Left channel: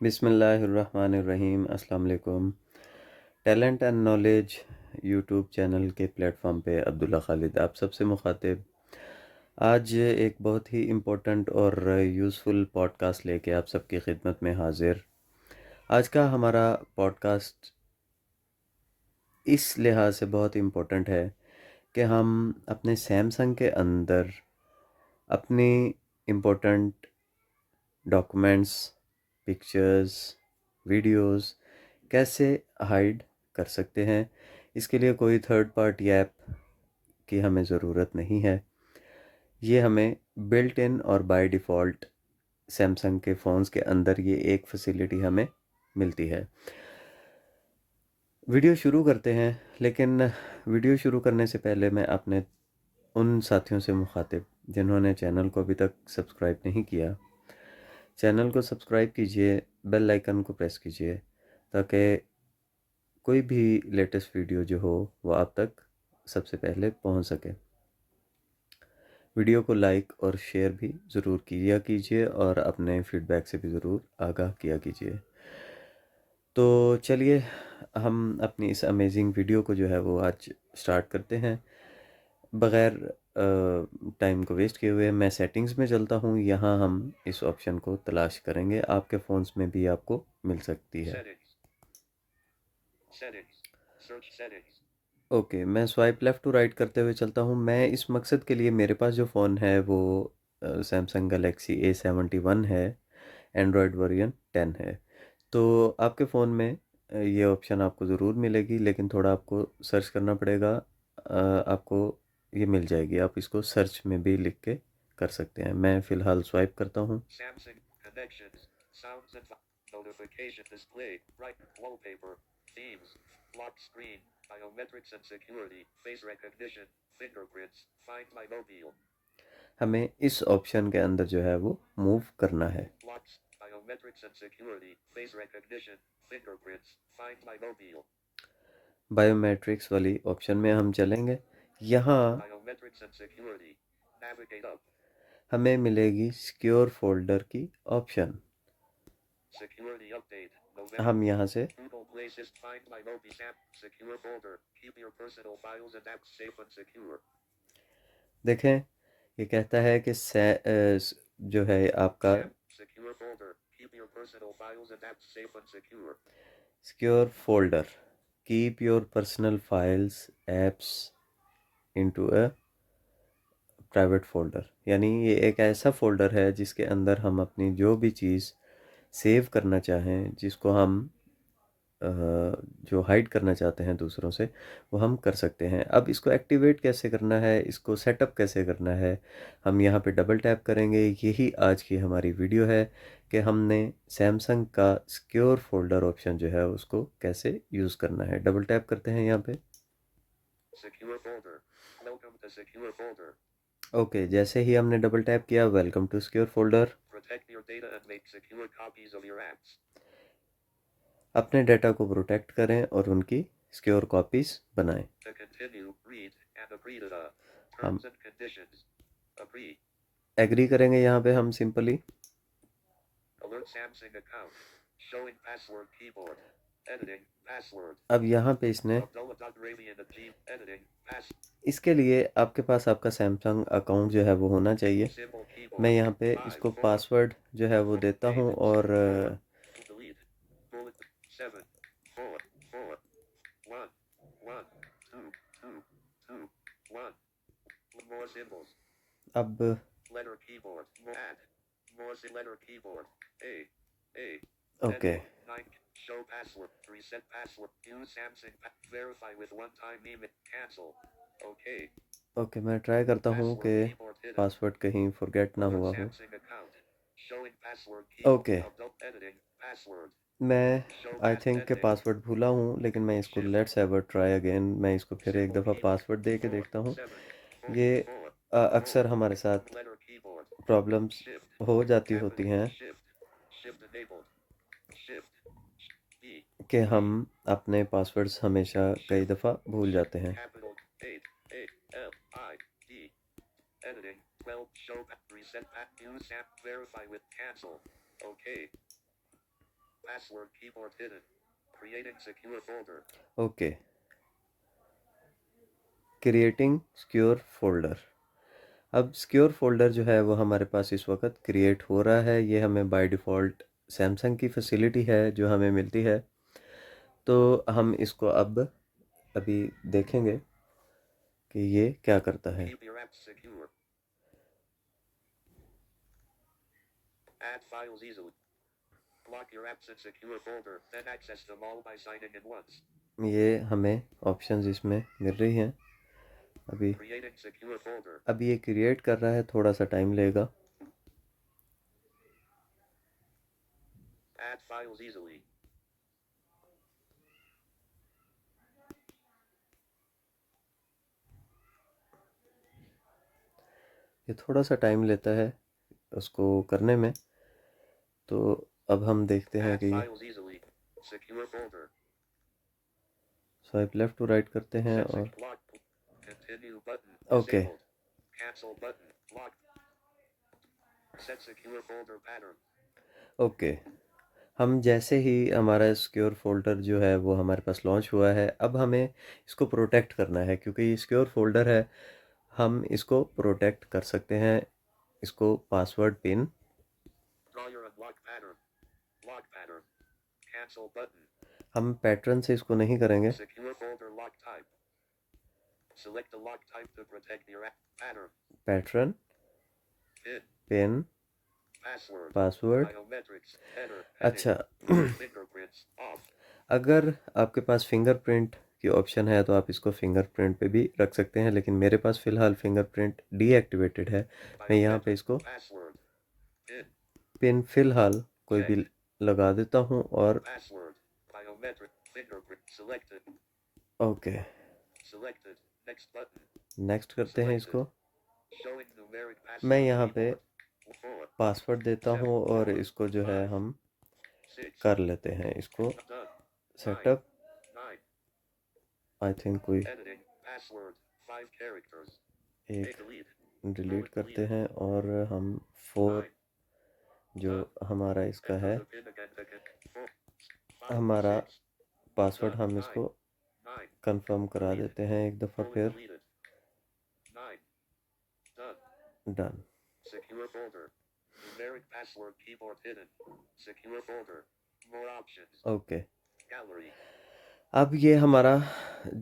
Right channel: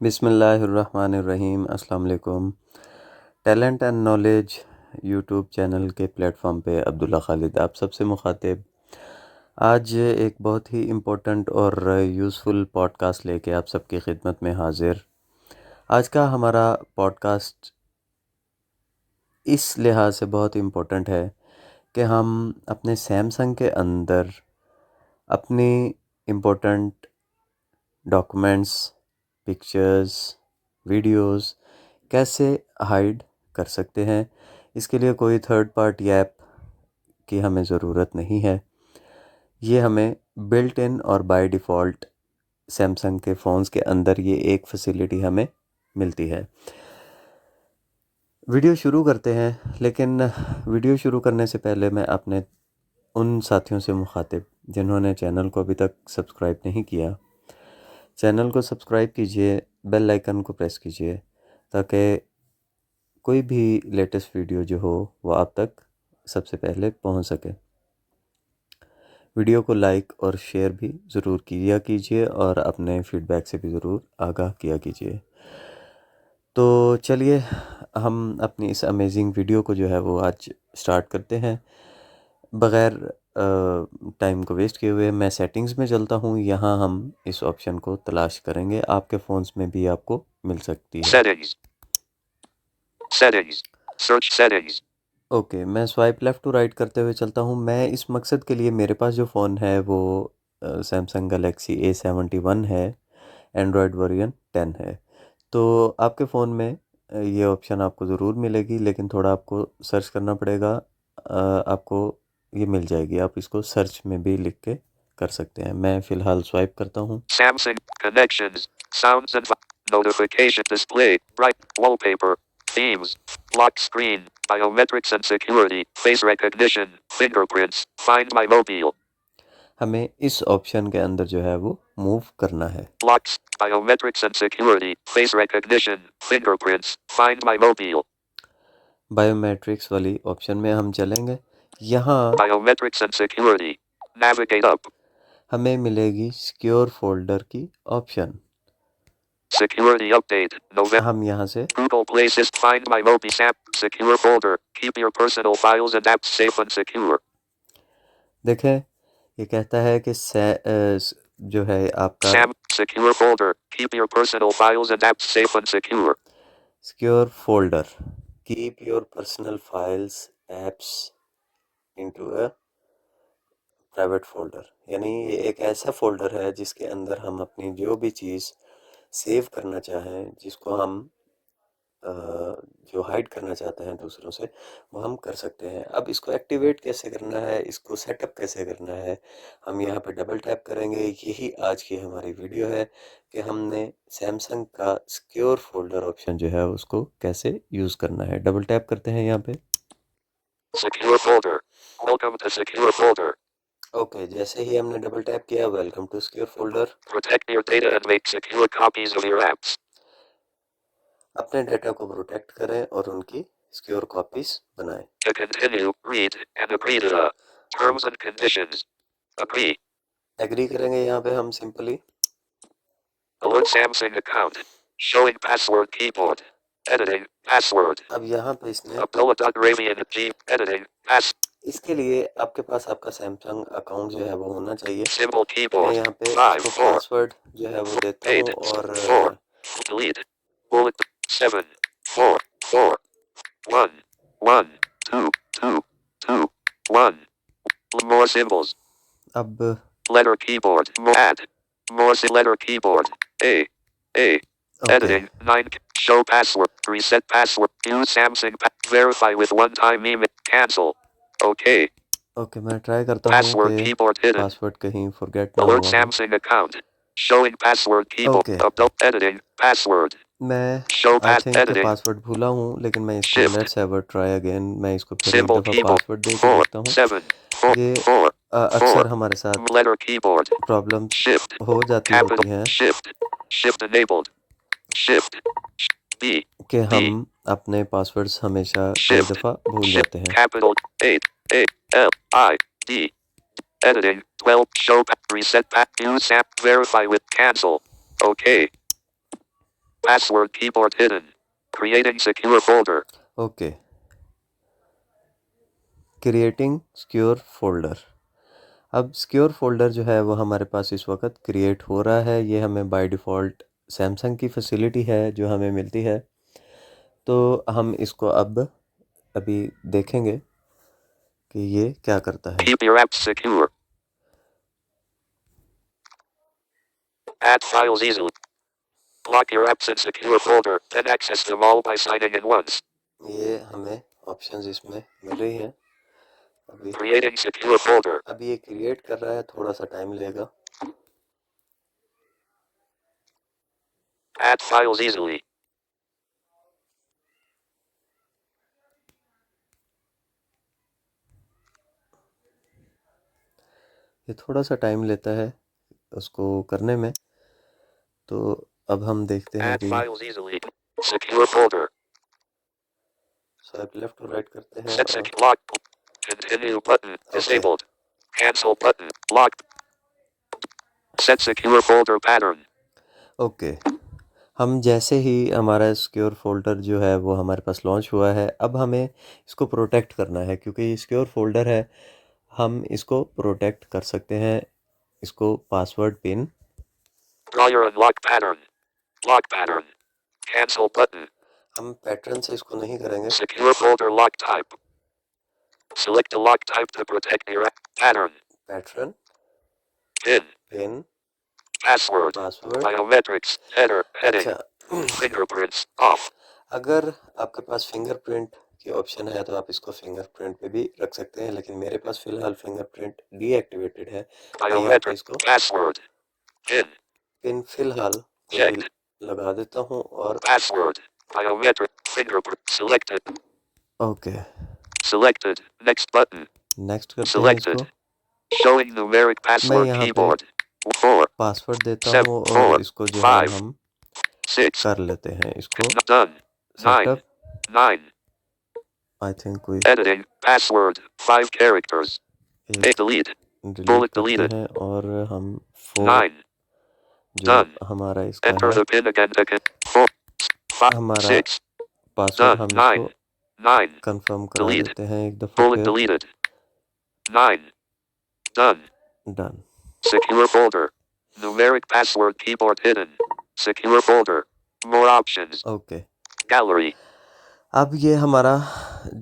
बिस्मिल्लाहिर्रहमानिर्रहीम। अस्सलाम वालेकुम। Talent and knowledge YouTube channel के प्लेटफॉर्म पे अब्दुल्ला खालिद आप सबसे मुखातिब। आज एक बहुत ही इम्पोर्टेंट और यूज़फुल पॉडकास्ट लेके आप सबकी खिदमत में हाजिर। आज का हमारा पॉडकास्ट इस लिहाज से बहुत इम्पोर्टेंट है कि हम अपने सैमसंग के अंदर अपनी इम्पोर्टेंट डॉक्यूमेंट्स, पिक्चर्स, वीडियोस कैसे हाइड कर सकते हैं। इसके लिए कोई थर्ड पार्टी ऐप की हमें ज़रूरत नहीं है। ये हमें बिल्ट इन और बाय डिफ़ॉल्ट सैमसंग के फ़ोन्स के अंदर ये एक फैसिलिटी हमें मिलती है। वीडियो शुरू करते हैं, लेकिन वीडियो शुरू करने से पहले मैं अपने उन साथियों से मुखातिब जिन्होंने चैनल को अभी तक सब्सक्राइब नहीं किया, चैनल को सब्सक्राइब कीजिए, बेल आइकन को प्रेस कीजिए ताकि कोई भी लेटेस्ट वीडियो जो हो वो आप तक सबसे पहले पहुंच सके। वीडियो को लाइक और शेयर भी ज़रूर किया कीजिए और अपने फीडबैक से भी ज़रूर आगाह किया कीजिए। तो चलिए हम अपनी इस अमेजिंग वीडियो को जो है वो आज स्टार्ट करते हैं। बग़ैर टाइम को वेस्ट किए हुए मैं सेटिंग्स में चलता हूँ। यहाँ हम इस ऑप्शन को तलाश करेंगे, आपके फ़ोन्स में भी आपको मिल सकती है। Settings, search settings. ओके, मैं स्वाइप लेफ़्ट टू राइट करते हुए चलता हूँ। मैं इस मकसद के लिए मेरे पास जो फ़ोन है वो सैमसंग गैलेक्सी A71 है, एंड्रॉयड वर्जन 10 है। तो आपके फ़ोन में ये ऑप्शन आपको ज़रूर मिलेगी, लेकिन थोड़ा आपको सर्च करना पड़ेगा। आपको ये मिल जाएगी, आप इसको सर्च में भी लिख के कर सकते हैं। मैं फ़िलहाल स्वाइप करता हूँ। Samsung connections, sounds and notification display, bright wallpaper, themes, lock screen, biometrics and security, face recognition, fingerprints, find my mobile. हमें इस ऑप्शन के अंदर जो है वो मूव करना है। Locks, biometrics and security, face recognition, fingerprints, find my mobile. Biometrics वाली ऑप्शन में हम चलेंगे। यहाँ biometrics and security, navigate up, हमें मिलेगी सिक्योर फोल्डर की ऑप्शन। Security update, November. हम यहाँ से Google Play Assist, find my mobile app, secure folder, keep your personal files and apps safe and secure. देखें, ये कहता है कि जो है आपका secure folder, keep your personal files and apps safe and secure. Secure folder, keep your personal files, apps into a private folder. यानी ये एक ऐसा फ़ोल्डर है जिसके अंदर हम अपनी जो भी चीज़ सेव करना चाहें, जिसको हम जो हाइड करना चाहते हैं दूसरों से, वो हम कर सकते हैं। अब इसको एक्टिवेट कैसे करना है, इसको सेटअप कैसे करना है, हम यहाँ पे डबल टैप करेंगे। यही आज की हमारी वीडियो है कि हमने सैमसंग का सिक्योर फोल्डर ऑप्शन जो है उसको कैसे यूज़ करना है। डबल टैप करते हैं यहाँ पे। Secure folder, welcome to secure folder. Okay, जैसे ही हमने डबल टैप किया, welcome to secure folder. Protect your data and make secure copies of your apps. अपने डेटा को प्रोटेक्ट करें और उनकी सिक्योर कॉपीज बनाएं। To continue, read and agree to the terms and conditions. Agree. Agree करेंगे यहाँ पे हम simply. Alert Samsung account. Showing password keyboard. Editing password. अब यहाँ पे इसने editing pass. इसके लिए आपके पास आपका सैमसंग अकाउंट जो है वो होना चाहिए। मैं यहाँ पे इसको पासवर्ड जो है वो देता हूँ और delete. Bullet 7 4 4 1 1 2 2 2 1 more symbols. अब letter keyboard add more letter keyboard A editing 9 show password reset password use Samsung verify with one time email cancel okay. Okay, मैं ट्राई करता हूँ कि पासवर्ड कहीं फॉरगेट ना हुआ हो। Samsung account showing password keyboard adult editing password. मैं I think कि पासवर्ड भूला हूँ, लेकिन मैं इसको let's have a try again. मैं इसको फिर एक दफ़ा पासवर्ड दे के देखता हूँ। ये अक्सर हमारे साथ प्रॉब्लम हो जाती होती हैं कि हम अपने पासवर्ड्स हमेशा कई दफ़ा भूल जाते हैं। Editing 12 show reset use app verify with cancel okay. password keyboard hidden. Creating secure folder. Okay, creating secure folder. अब सिक्योर फोल्डर जो है वो हमारे पास इस वक्त क्रिएट हो रहा है। ये हमें बाय डिफ़ॉल्ट सैमसंग की फैसिलिटी है जो हमें मिलती है। तो हम इसको अब अभी देखेंगे कि ये क्या करता है। Keep your apps secure. Add files easily. Lock your apps in secure folder, then access them all by signing in once. ये हमें ऑप्शंस इसमें मिल रही हैं। अभी Creating secure folder. अभी ये क्रिएट कर रहा है, थोड़ा सा टाइम लेगा। Add files easily. ये थोड़ा सा टाइम लेता है उसको करने में। तो अब हम देखते हैं Add कि files easily. Secure folder. Swipe left to right करते हैं Set और lock. Continue button. Okay Disabled. Cancel button. Locked. Set secure folder pattern. Okay. हम जैसे ही हमारा सिक्योर फोल्डर जो है वो हमारे पास लॉन्च हुआ है, अब हमें इसको प्रोटेक्ट करना है क्योंकि ये सिक्योर फोल्डर है। हम इसको प्रोटेक्ट कर सकते हैं। इसको password pin, Draw your unlock pattern. Lock pattern. Cancel button. हम पैटर्न से इसको नहीं करेंगे। Secure folder lock type. Select a lock type to protect your pattern. Pattern, Pin. Pin, Password. Password. Biometrics. Header. Heading. अच्छा Fingerprints. Off. अगर आपके पास fingerprint की option है तो आप इसको फिंगरप्रिंट पे भी रख सकते हैं, लेकिन मेरे पास फ़िलहाल फिंगरप्रिंट डीएक्टिवेटेड है। मैं यहाँ पे Biometric. इसको Password. Pin. पिन फ़िलहाल कोई भी Checked. लगा देता हूँ और Password. Biometric. Fingerprint. Selected. Okay Selected. Next button. Next करते हैं Selected. इसको। Showing numeric मैं password यहाँ पे keyboard. 4, पासवर्ड देता 7, हूँ और 4, इसको जो है 5, हम 6. कर लेते हैं इसको Done. 9, सेटअप। 9. आई थिंक कोई Editing. Password. 5 characters. एक Delete. डिलीट Bullet करते deleted. हैं और हम 4 9. जो Done. हमारा इसका Enter है, the pin again. 4, 5, हमारा 6. Password Done. हम 9. इसको 9. कंफर्म करा Delete. देते हैं एक दफ़ा Bullet फिर। deleted. 9. Done. Done. Secure folder. Numeric password keyboard hidden. Secure folder. More options. Okay, Gallery. अब ये हमारा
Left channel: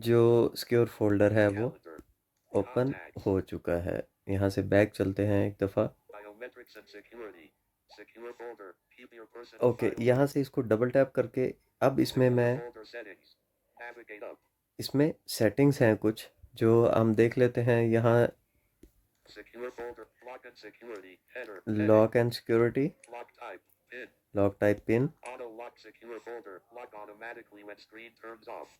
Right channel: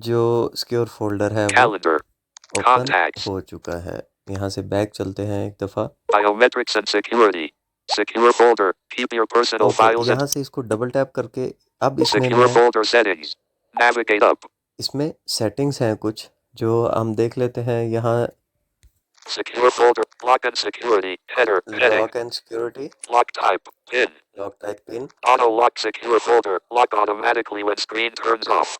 जो सिक्योर फोल्डर है वो Calendar. Open Contacts. हो चुका है। यहाँ से बैक चलते हैं एक दफ़ा। Biometrics and security. Secure folder. Keep your personal okay, files यहाँ and से इसको डबल टैप करके अब इसमें secure मैं folder settings. Navigate up. इसमें सेटिंग्स हैं कुछ जो हम देख लेते हैं। यहाँ Secure folder. Lock and security. Header. Heading. Lock and security, Lock type. Pin. Lock type pin. Auto lock secure folder. Lock automatically when screen turns off.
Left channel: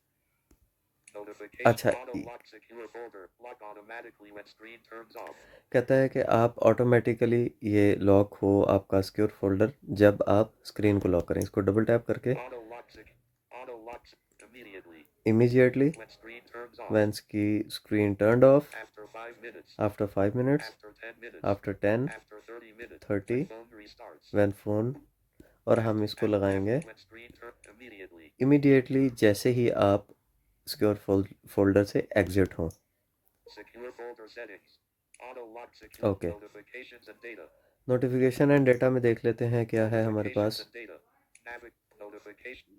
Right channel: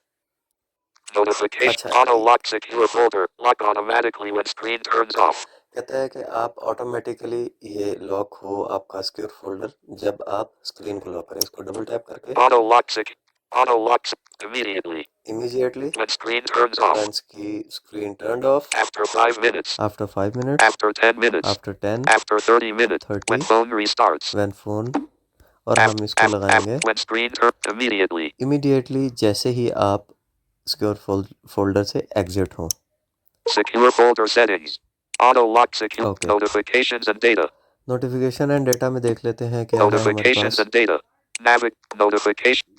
Notification. अच्छा, Auto lock secure folder. Lock automatically when screen turns off. कहता है कि आप automatically ये lock हो आपका secure folder जब आप स्क्रीन को लॉक करें। इसको डबल टैप करके Auto lock auto locks immediately immediately when screen turns off. When की screen turned off, After 5 minutes. After 5 minutes, After 10 minutes. After 10, After 30 minutes. 30, When phone restarts. When phone, और हम इसको लगाएंगे When screen turns immediately. Immediately जैसे ही आप secure folder से exit हों। Secure folder settings. Auto lock secure okay, notifications and data. Notification and data में देख लेते हैं क्या है हमारे Notifications pass. and data.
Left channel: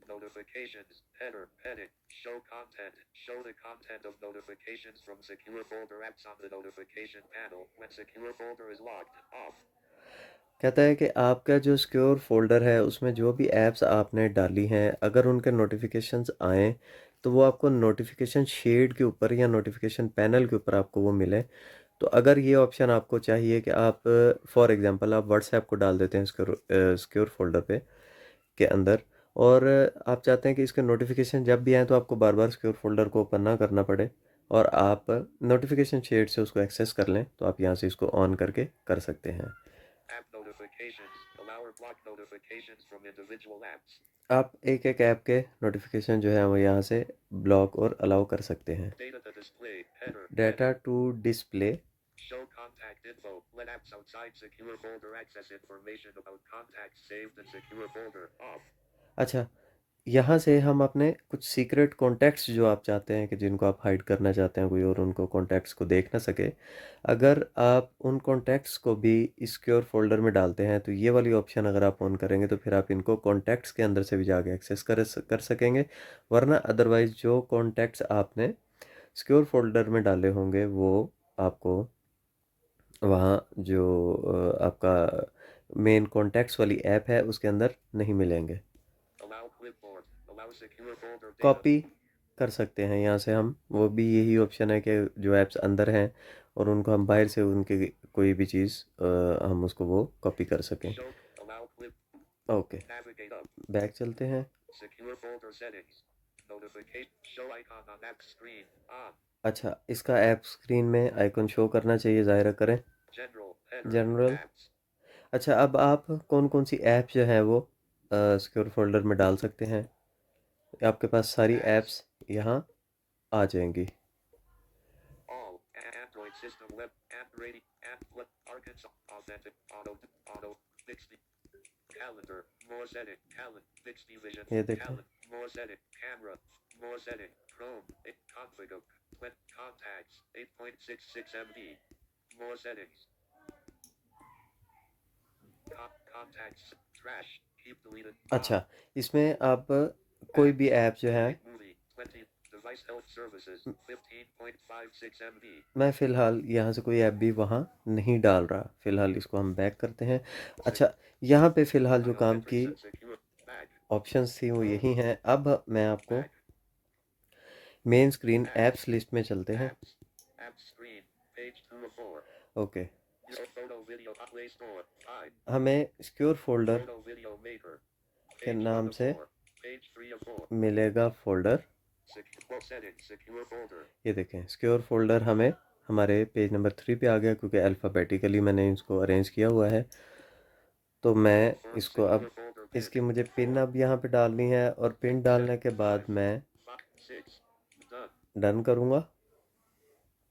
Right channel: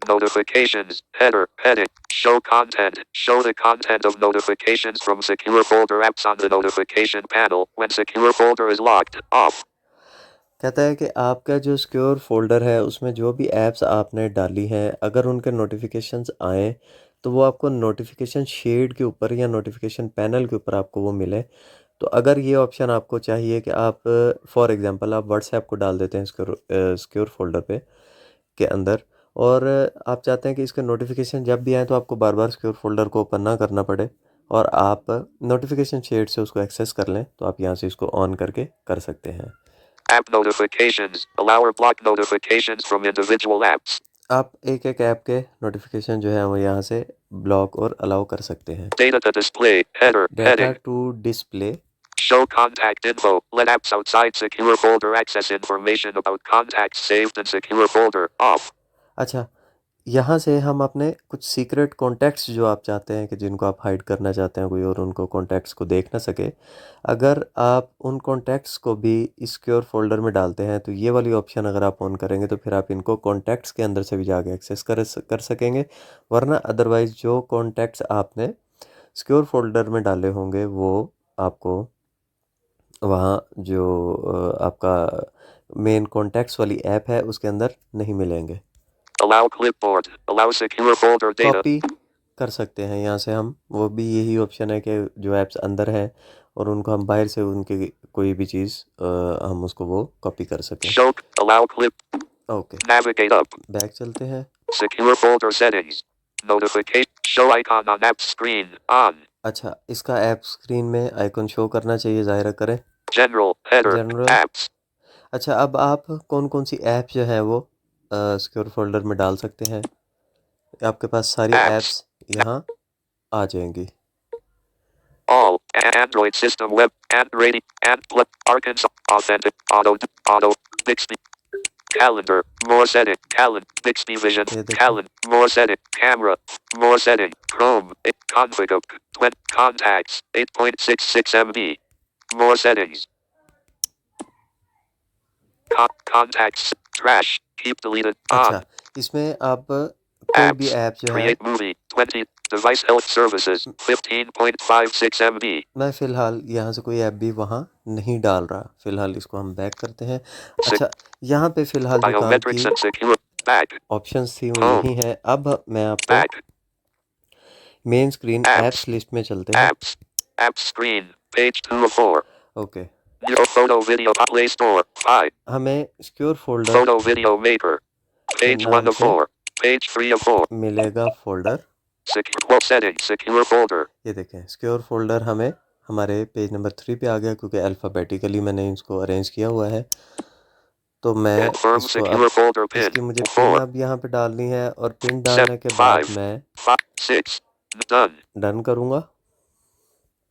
Notifications. Header. Heading. Show content. Show the content of notifications from secure folder apps on the notification panel when secure folder is locked. Off. कहता है कि आपका जो सिक्योर फोल्डर है उसमें जो भी ऐप्स आपने डाली हैं अगर उनके नोटिफिकेशंस आएँ तो वो आपको नोटिफिकेशन शेड के ऊपर या नोटिफिकेशन पैनल के ऊपर आपको वो मिले। तो अगर ये ऑप्शन आपको चाहिए कि आप फॉर एग्जांपल आप व्हाट्सएप को डाल देते हैं सिक्योर फोल्डर पे के अंदर, और आप चाहते हैं कि इसके नोटिफिकेशन जब भी आए तो आपको बार बार सिक्योर फोल्डर को ओपन ना करना पड़े और आप नोटिफिकेशन शेड से उसको एक्सेस कर लें, तो आप यहाँ से इसको ऑन करके कर सकते हैं। App notifications. Allow or block notifications from individual apps. आप एक एक ऐप के नोटिफिकेशन जो है वो यहाँ से ब्लॉक और अलाउ कर सकते हैं। Data to display. Header. Data Heading. To display, Show contact info. Let apps outside secure folder access information about contacts saved in secure folder. Off. अच्छा, यहाँ से हम अपने कुछ सीक्रेट कॉन्टैक्ट्स जो आप चाहते हैं कि जिनको आप हाइड करना चाहते हैं कोई और उनको कॉन्टैक्ट्स को देख ना सके, अगर आप उन कॉन्टैक्ट्स को भी इस सिक्योर फोल्डर में डालते हैं तो ये वाली ऑप्शन अगर आप ऑन करेंगे तो फिर आप इनको कॉन्टैक्ट्स के अंदर से भी जाके एक्सेस कर सकेंगे। वरना अदरवाइज़ जो कॉन्टैक्ट्स आपने सिक्योर फोल्डर में डाले होंगे वो आपको वहाँ जो आपका मेन कॉन्टैक्ट्स वाली ऐप है उसके अंदर नहीं मिलेंगे। Allow clipboard. Allow secure folder data. Copy कर सकते हैं यहाँ से हम, वो भी यही ऑप्शन है कि जो ऐप्स अंदर हैं और उनको हम बाहर से उनके कोई भी चीज़ हम उसको वो कॉपी कर सकें। Show. Allow clip. Okay, Navigate up. Back चलते हैं। Secure folder settings. Notification. Show icon on app screen. On. अच्छा, इसका ऐप स्क्रीन में आइकन शो करना चाहिए, ज़ाहिर करें। General. Header. जनरल। Apps. अच्छा, अब आप कौन कौन सी ऐप जो है वो सिक्योर फोल्डर में डाल सकते हैं, आपके पास सारी Apps. ऐप्स यहाँ आ जाएंगी। All. Android system web. And rating. And plug. Arkansas. Authentic. Auto. Bixby. Calendar. More setting. Bixby Vision. ये देखें। More setting. Camera. More setting. Chrome. Config of. Contacts. 8.66 MB. More settings. Contacts. Trash. Keep deleted. On. अच्छा, इसमें आप कोई भी Apps. App जो है, Create movie. 20. Device health services. 15.56 MB. मैं फ़िलहाल यहाँ से कोई ऐप भी वहाँ नहीं डाल रहा। फ़िलहाल इसको हम बैक करते हैं। अच्छा, यहाँ पे फ़िलहाल जो काम Biometrics की and secure. Back. ऑप्शंस थी वो Home. यही हैं। अब मैं आपको Back. Main screen Apps. Apps list में चलते हैं। Apps. App screen. Page 2 of 4. Okay, Your photo video Play Store. 5. हमें secure folder Photo video maker. के Page नाम 1 of से 4. Page 3 of 4. मिलेगा folder. Secure settings. Secure folder. ये देखें, सिक्योर फोल्डर हमें हमारे पेज नंबर 3 पे आ गया क्योंकि अल्फ़ाबेटिकली मैंने इसको अरेंज किया हुआ है। तो मैं Confirm इसको अब secure folder pin. इसकी मुझे पिन 4. अब यहाँ पे डालनी है और पिन 7. डालने के बाद 5. मैं 5. 6. Done. डन करूँगा।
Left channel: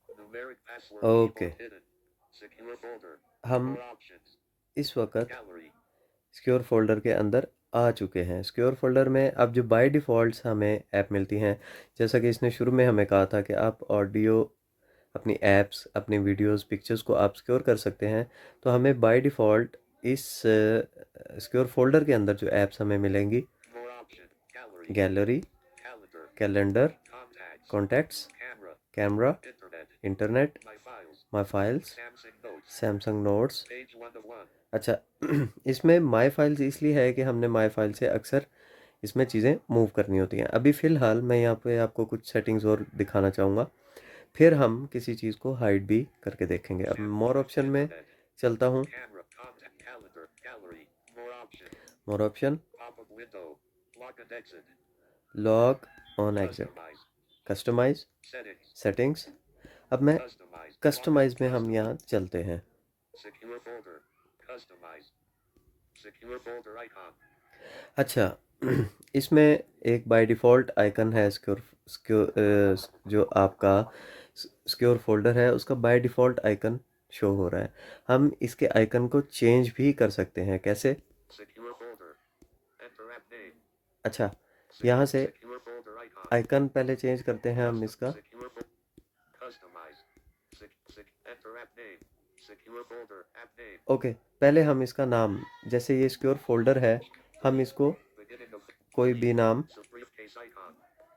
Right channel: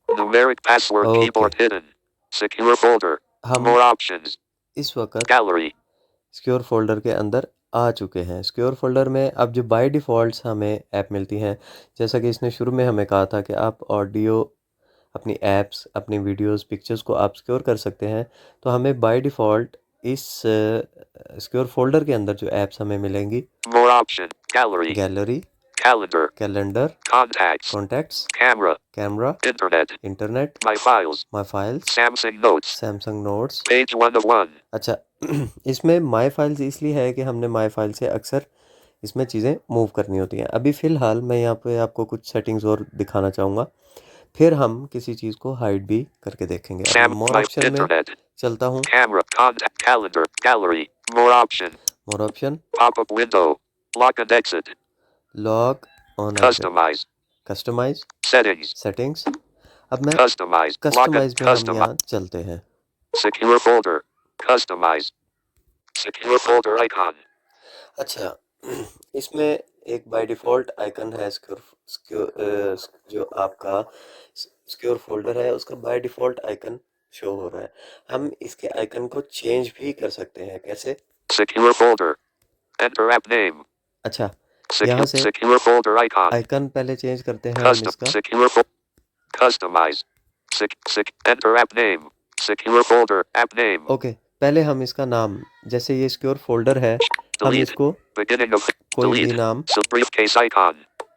Numeric password okay, keyboard hidden. Secure folder. हम More options. इस वक्त Gallery. सिक्योर फोल्डर के अंदर आ चुके हैं। सिक्योर फोल्डर में अब जो बाय डिफ़ॉल्ट हमें ऐप मिलती हैं, जैसा कि इसने शुरू में हमें कहा था कि आप ऑडियो, अपनी ऐप्स, अपनी वीडियोस, पिक्चर्स को आप सिक्योर कर सकते हैं। तो हमें बाय डिफ़ॉल्ट इस सिक्योर फोल्डर के अंदर जो ऐप्स हमें मिलेंगी, More option. Gallery. Gallery, Calendar. Calendar, Contacts. Contacts, Camera. Camera, Internet. Internet, My files. My files, Samsung Notes. Samsung notes. Page 1 of 1. अच्छा, इसमें माय फाइल्स इसलिए है कि हमने माय फाइल से अक्सर इसमें चीज़ें मूव करनी होती हैं। अभी फ़िलहाल मैं यहाँ पे आपको कुछ सेटिंग्स और दिखाना चाहूँगा, फिर हम किसी चीज़ को हाइड भी करके देखेंगे। अब मैं मोर My ऑप्शन में internet. चलता हूँ। Camera. Contact. Calendar. Gallery. More option. More option, Pop-up window. Lock and exit. Lock and exit, Customize. Customize, Settings. Settings. अब मैं Customize. Lock and कस्टमाइज में हम customize. यहाँ चलते हैं। Secure folder. Customize. Secure folder icon. अच्छा, इसमें एक बाय डिफ़ॉल्ट आइकन है सिक्योर सिक्योर जो आपका सिक्योर फोल्डर है उसका बाय डिफ़ॉल्ट आइकन शो हो रहा है। हम इसके आइकन को चेंज भी कर सकते हैं। कैसे? Secure folder. Enter app name. अच्छा, यहाँ से Secure folder icon. आइकन पहले चेंज करते हैं हम Custom. इसका। Customize. Enter app name. Secure folder. App name. Okay, पहले हम इसका नाम, जैसे ये सिक्योर फोल्डर है, हम Delete. इसको Beginning of. कोई भी Delete. नाम, Briefcase icon.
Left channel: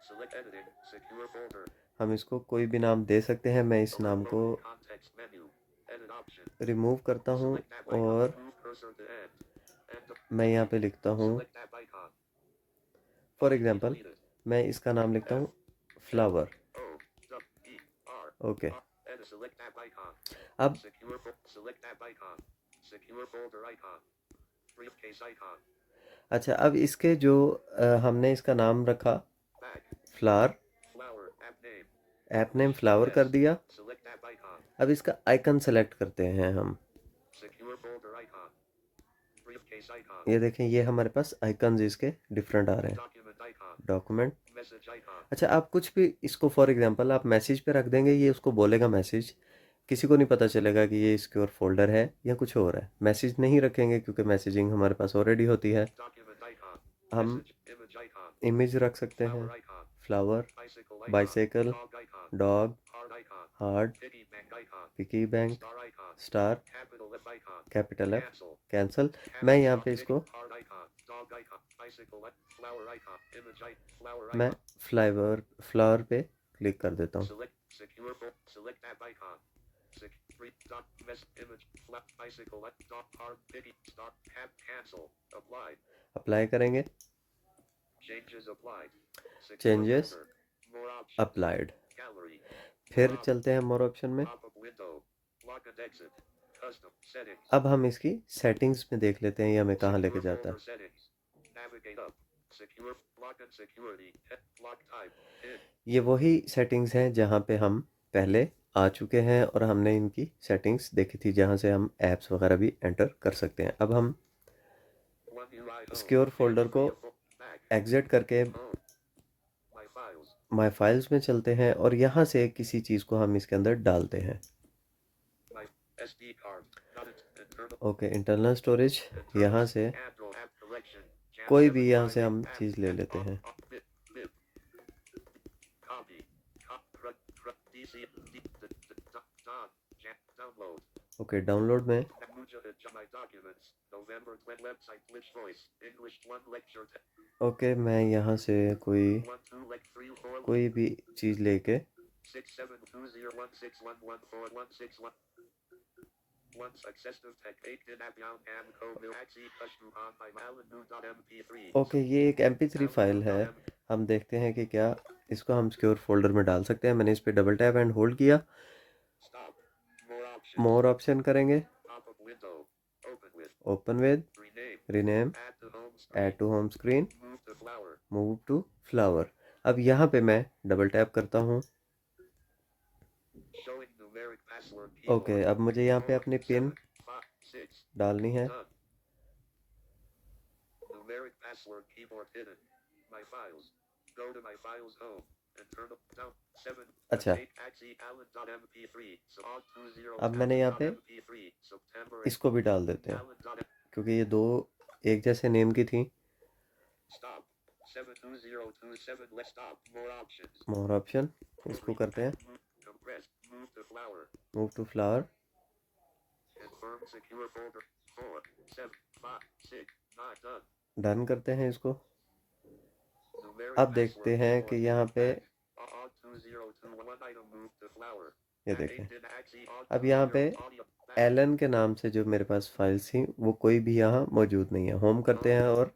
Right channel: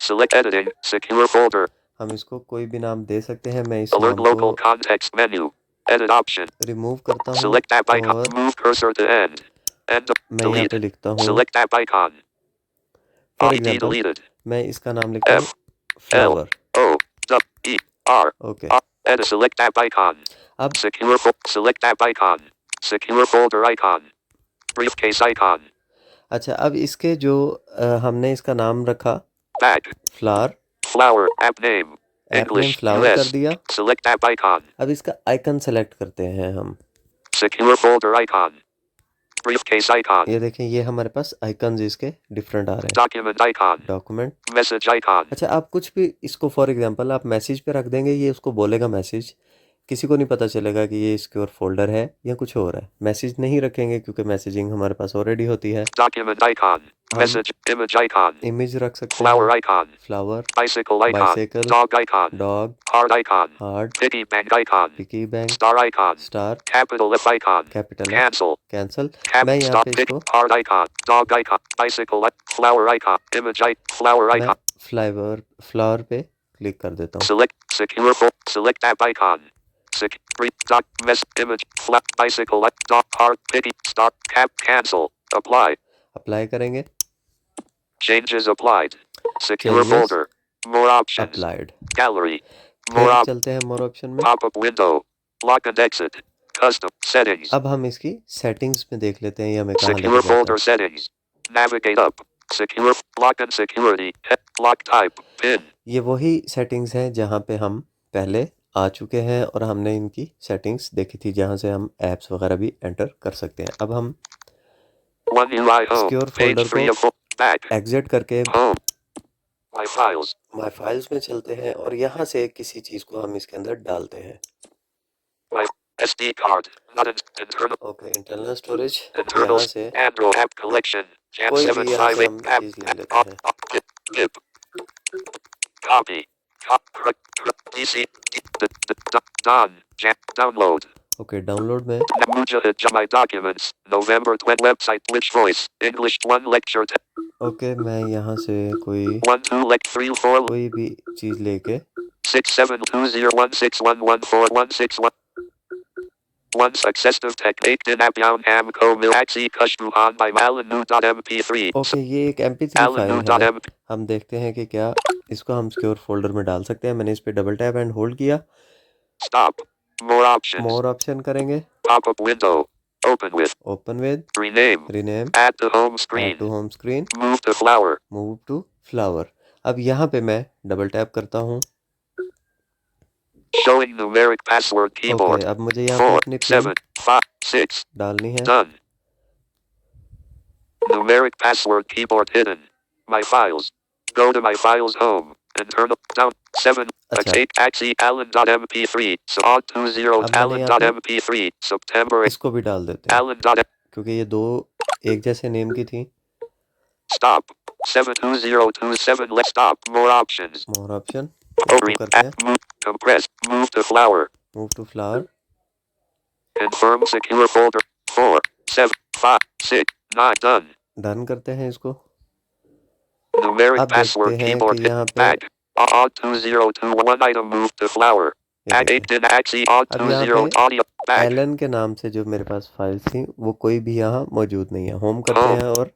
Select editing. Secure folder. हम इसको कोई भी नाम दे सकते हैं। मैं इस Alert नाम को local context menu. Edit option. Remove करता हूँ Select app icon. और Move cursor to end. End. मैं यहाँ Delete. पे लिखता हूँ, Select app icon. For ID example deleted. मैं इसका नाम लिखता हूँ F L flower. O W E R. Okay, Edit select app icon. अब Select app icon. Secure folder icon. Briefcase icon. अच्छा, अब इसके जो हमने इसका नाम रखा Back. Flower, Flower. App name. App name English. Flower कर US. दिया। Select app icon. अब इसका आइकन सेलेक्ट करते हैं हम। Secure folder icon. Briefcase icon. ये देखें, ये हमारे पास आइकन्स इसके डिफरेंट आ रहे हैं। Document icon. Document. Message icon. अच्छा, आप कुछ भी इसको फॉर एग्जांपल आप मैसेज पे रख देंगे, ये उसको बोलेगा मैसेज किसी को नहीं पता चलेगा कि ये सिक्योर फोल्डर है या कुछ और है। मैसेज नहीं रखेंगे क्योंकि मैसेजिंग हमारे पास ऑलरेडी होती है। Document icon. हम Message. Image icon. इमेज रख सकते Flower हैं, icon. Flower, Bicycle icon. Bicycle, Dog icon. Dog, Heart icon. Heart, Piggy bank icon. Piggy bank, Star icon. Star, Capital F icon. Capital F, Cancel. Cancel. Cap मैं यहाँ stop पे pick. इसको Heart icon. Dog icon. Bicycle. Flower icon. Image icon. Flower मैं icon. Flower पे click कर देता हूँ। Select. Secure. Select app icon. Doc. Mess. Image. Flat. Bicycle. Dog. Heart. Piggy. Stop. Cap. Cancel. Apply. Apply करेंगे, Changes applied. Secure changes folder. More options. Applied. Gallery. More फिर options. चलते हैं मोर option में। Pop-up window. Lock and exit. Custom settings. अब हम इसकी settings में देख लेते हैं ये हमें कहाँ Secure लेके जाता folder है। settings. Navigate up. Secure lock and security. Lock type. Pin. ये वही सेटिंग्स हैं जहाँ पे हम पहले आ चुके हैं और हमने इनकी सेटिंग्स देखी थी, जहाँ से हम ऐप्स वगैरह भी एंटर कर सकते हैं। अब हम One UI home. Secure Page folder को 3 of 4. Back. एग्जिट करके Home. My files. My files में चलते हैं और यहाँ से किसी चीज़ को हम इसके अंदर डालते हैं। My SD card. Not internal. Okay, internal storage, Internal. यहाँ से Android app collection. Jam कोई भी यहाँ से 758 हम app. चीज़ ले लेते हैं। Pip. Copy. DC. Don. Download. Okay, download में Mujahid My Documents. November 20 website. Which voice? English 1 lecture. Okay, मैं यहाँ से 1 2 lect 3 4 कोई भी चीज़ लेके 672016114161 One successive technique in Abyaun Ham Ko Milaxi Kushbuhan by Malinu.mp3. Okay, ये एक MP3 फाइल है। Malinu.mp. हम देखते हैं कि क्या इसको हम सिक्योर फोल्डर में डाल सकते हैं। मैंने इस पे डबल टैप एंड होल्ड किया। Stop. More options. More option करेंगे, Pop-up window. Open with. Open with, Rename. Rename, Add to home add screen. To home screen, Move to flower. Move to flower. अब यहाँ पे मैं double tap करता हूँ। Showing numeric password okay, keyboard. अब मुझे यहाँ पे 4 अपनी पिन 7 5 6. डालनी है। Done. Numeric password keyboard hidden. My files. Go to my files home. Internal down 7 अच्छा, 8 axi allen.mp3 so odd 20 अब मैंने यहाँ पे allen.mp3 September 8 इसको भी डाल देते हैं allen. क्योंकि ये दो एक जैसे नेम की थी। Stop 72027 let's stop more options. More option इसको करते हैं, Move compress move to flower. Move to flower. Confirm secure folder 4 7 5 6 9 done. Done करते हैं इसको। Numeric अब देखते password हैं keyboard कि यहाँ पे back. Odd 2021 item move to flower. ये Add देखें, 8 din axi odd अब यहाँ 20 पे audio back. एलन के नाम से जो मेरे पास फाइल्स थी वो कोई भी यहाँ मौजूद नहीं है। होम करते Home. हैं और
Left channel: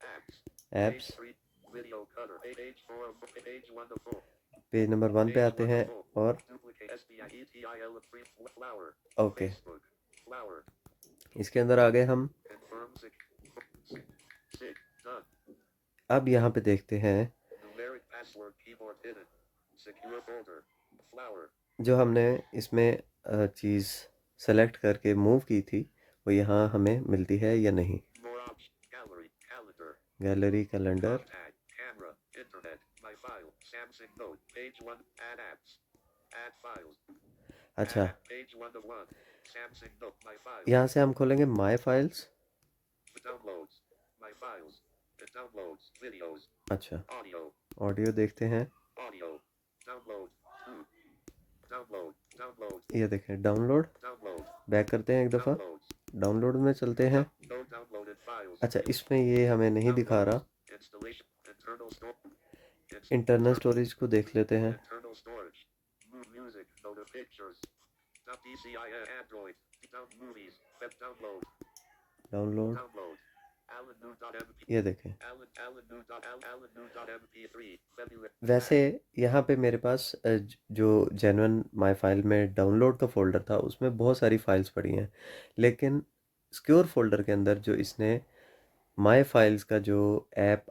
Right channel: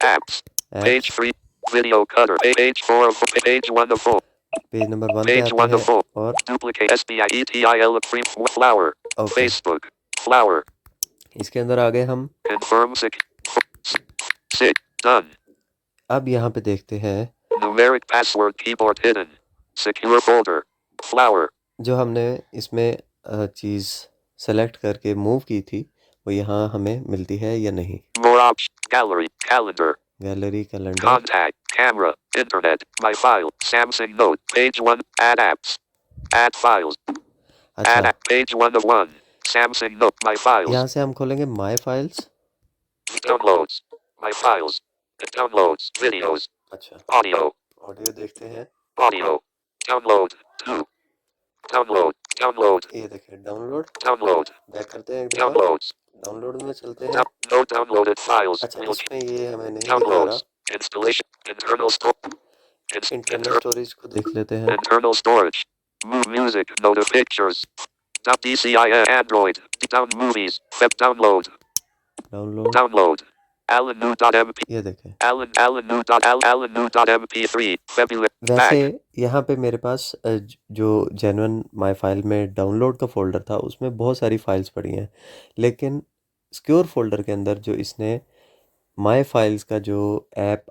Apps. Page apps, 3. Video cutter. Page 4 of page 1 of 4. Page number 1 पे Page आते 1 हैं of 4. और Duplicate SBIETIL free flower. Okay, Facebook. Flower. इसके अंदर आ गए हम। Confirm sick. Done. अब यहाँ पे देखते हैं Numeric password keyboard hidden. Secure folder. Flower. जो हमने इसमें चीज़ सेलेक्ट करके मूव की थी वो यहाँ हमें मिलती है या नहीं। More options. Gallery. Calendar. Gallery, calendar, Contact. Camera. Internet. My file. Samsung Note. Page 1. Add apps. Add files. अच्छा, Add page 1 of 1. Samsung Note. My files. यहाँ से हम खोलेंगे my files. Downloads. My files. Downloads. Videos. अच्छा, Audio. Audio देखते हैं। Audio. Download. 2. Download. Download. ये देखें, डाउनलोड। Download. बैक करते हैं एक दफ़ा, Downloads. डाउनलोड में चलते हैं। No downloaded files. अच्छा, इसमें ये हमें नहीं दिखा Downloads. रहा। Installation. Internal store. Internal storage को देख लेते हैं। Internal storage. Move music. Note of pictures. DCI Android. Down movies. Web download. Download, Download. Allen.mp. ये देखें। Allen.mp3. February. वैसे Back. यहाँ पे मेरे पास जो जेन्युइन माई फाइल में डाउनलोड का फ़ोल्डर था उसमें बहुत सारी फाइल्स पड़ी हैं, लेकिन सिक्योर फोल्डर के अंदर जो इसने माई फाइल्स का जो ऐप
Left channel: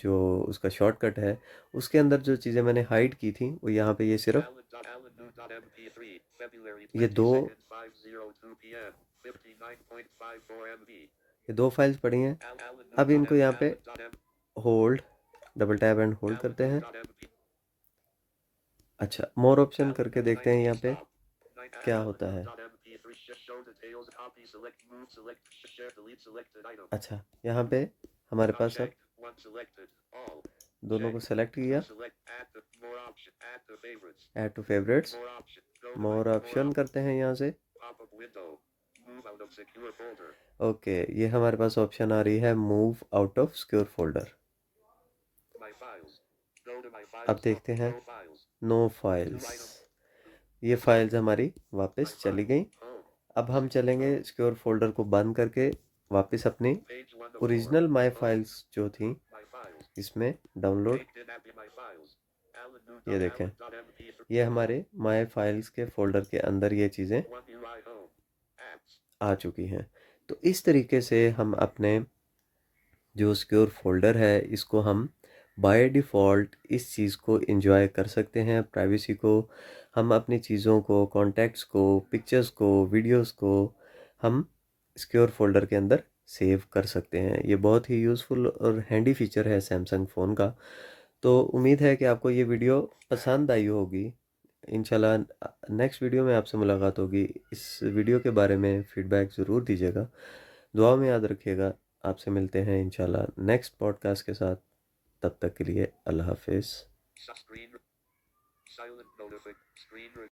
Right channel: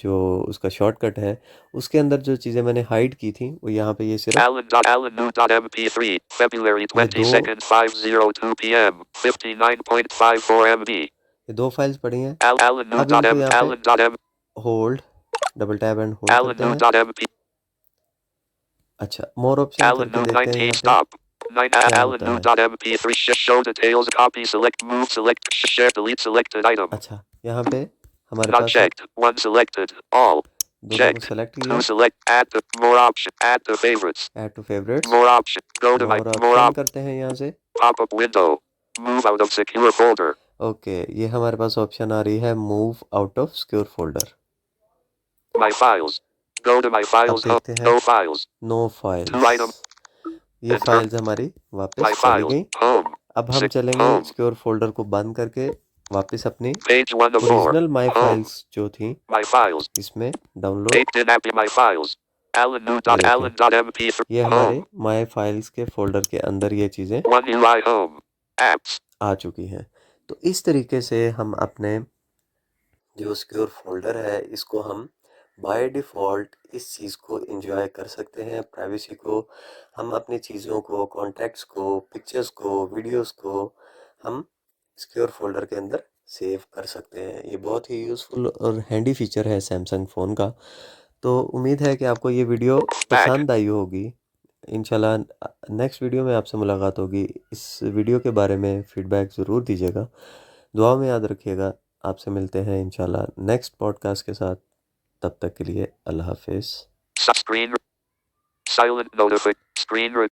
जो उसका शॉर्टकट है उसके अंदर जो चीज़ें मैंने हाइड की थी वो यहाँ पे ये सिर्फ Allen.mp3. February ये 22nd. 5:02 p.m. 59.54 MB. दो फाइल्स पड़ी हैं। अब इनको यहाँ पे Allen.m. Hold, double tap and hold करते हैं। Allen.mp. अच्छा, मोर ऑप्शन करके देखते हैं Allen.19 यहाँ पे। stop. 9 क्या Alan होता new है? dot mp3 show details copy select move select share delete selected item अच्छा, यहाँ पे हमारे not पास है, checked 1 selected all दोनों को checked सेलेक्ट 2 किया, select add to more option add to favorites add to favorites, more option go to my more more option op करते हैं यहाँ से। pop up window move out of secure folder okay, ये हमारे पास option आ रही है move out of secure folder. my files go to my अब files देखते हैं, no files no 2 files, item ये enter फाइल्स हमारी my वापस चली files गई। home अब हम 6 चलेंगे home सिक्योर फोल्डर को बंद करके वापस अपनी page 1 of 4 original my home files जो थी my files इसमें download, 8 didn't happy my files Alan new ये dot देखें, Alan dot mp3 ये home हमारे माई फाइल्स के फोल्डर के अंदर ये चीज़ें 1 UI home apps आ चुकी हैं। तो इस तरीके से हम अपने जो सिक्योर फोल्डर है इसको हम बाय डिफ़ॉल्ट इस चीज़ को एंजॉय कर सकते हैं, प्राइवेसी को। हम अपनी चीज़ों को, कॉन्टैक्ट्स को, पिक्चर्स को, वीडियोस को हम सिक्योर फोल्डर के अंदर सेव कर सकते हैं। ये बहुत ही यूज़फुल और हैंडी फीचर है सैमसंग फ़ोन का। तो उम्मीद है कि आपको ये वीडियो back पसंद आई होगी। इंशाल्लाह नेक्स्ट वीडियो में आपसे मुलाकात होगी। इस वीडियो के बारे में फ़ीडबैक ज़रूर दीजिएगा, दुआ में याद रखिएगा। आपसे मिलते हैं इंशाल्लाह नेक्स्ट पॉडकास्ट के साथ। तब तक के लिए अल्लाह हाफिज़। screen silent notification screen